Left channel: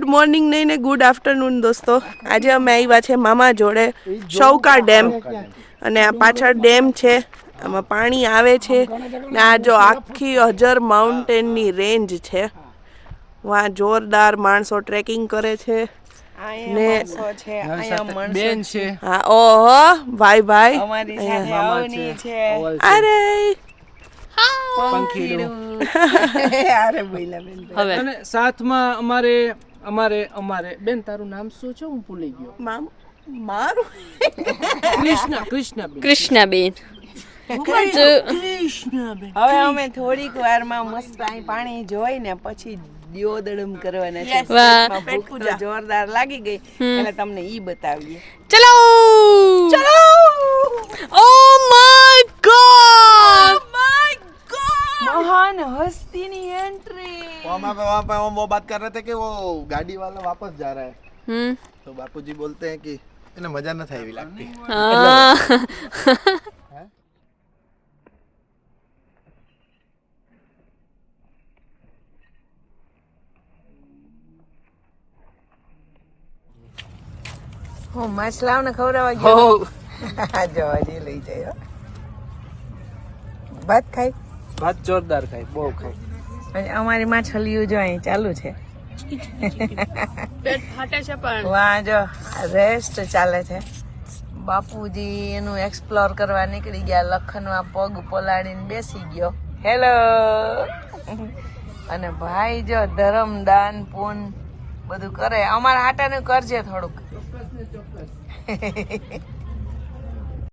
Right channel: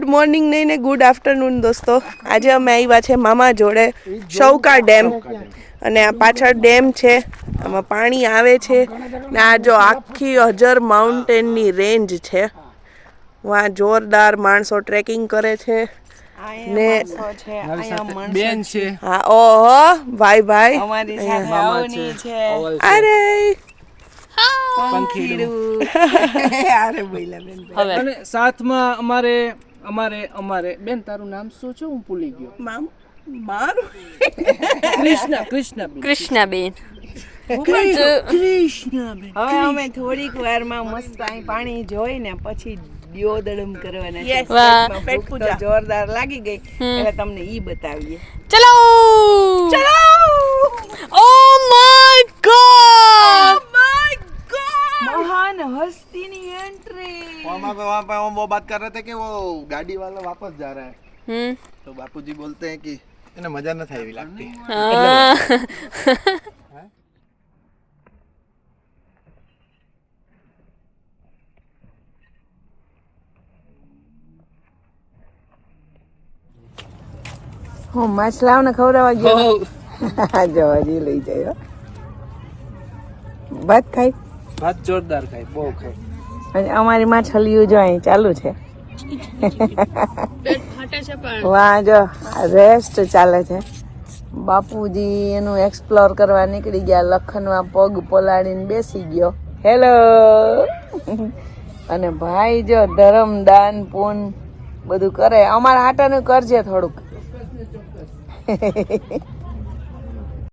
Good morning નહીં ને good afternoon દોસ્તો. આજે અમે આવ્યા છે મામા જોડે શૌકા ડેમ, અને આ પાછળ ડેમ છે, આમાં પાણી આવે છે ને આ જો આખી હજર માઉન્ટેનની રેન્જ છે. વાં જોરદાર માણસો ટ્રેકિંગ કરે છે ને બેન છે. હા ઓહો ભાઈ ભાઈ અરે અને સાથમાં અમારે બેન તારું નામ શું છે? હું ભૂલી ગયો. મારું કૃષ્ણાબેન. હવે અમે થોડીક વારમાં મસ્ત અહીં પાણી જોઈ ને પછી દિયોદડમ કરવાના છે. પેટ પૂજા જોરદાર લાગી ગઈ એટલે તમને ઈ બતાવીએ. ચલો ચલો. ઓ માય ગોડ, महान हस्ती ની एंट्री. वहाँ पे हम वो बात कर रहे थे कि वो गाड़ी वाला वापस जा रहा है, तो बापूजी बोलते हैं कि इन्हें मजा न था एवी लगती. હું માછલાઓ ને ખવડાવવા ગયો. જવાજી લઈ જાય. ભાત ખાઈ ભાત જોરદાર ખાય, બહુ ખાય. અને અમારી માછલીઓ જો અહીં ચાલુ છે. વાહ જો રેસ્ટ ચાલે છે. બાપુજી એનું એક્સપ્લોર કરવા નીકળી ગયા. લખનમાં પગ પલાળીને બેસી ગયો. હેલો. અને ભાઈ જો ધર્મ દાન પૂન બધું કરે. અમારા હાટાનું કરજે થોડુંક.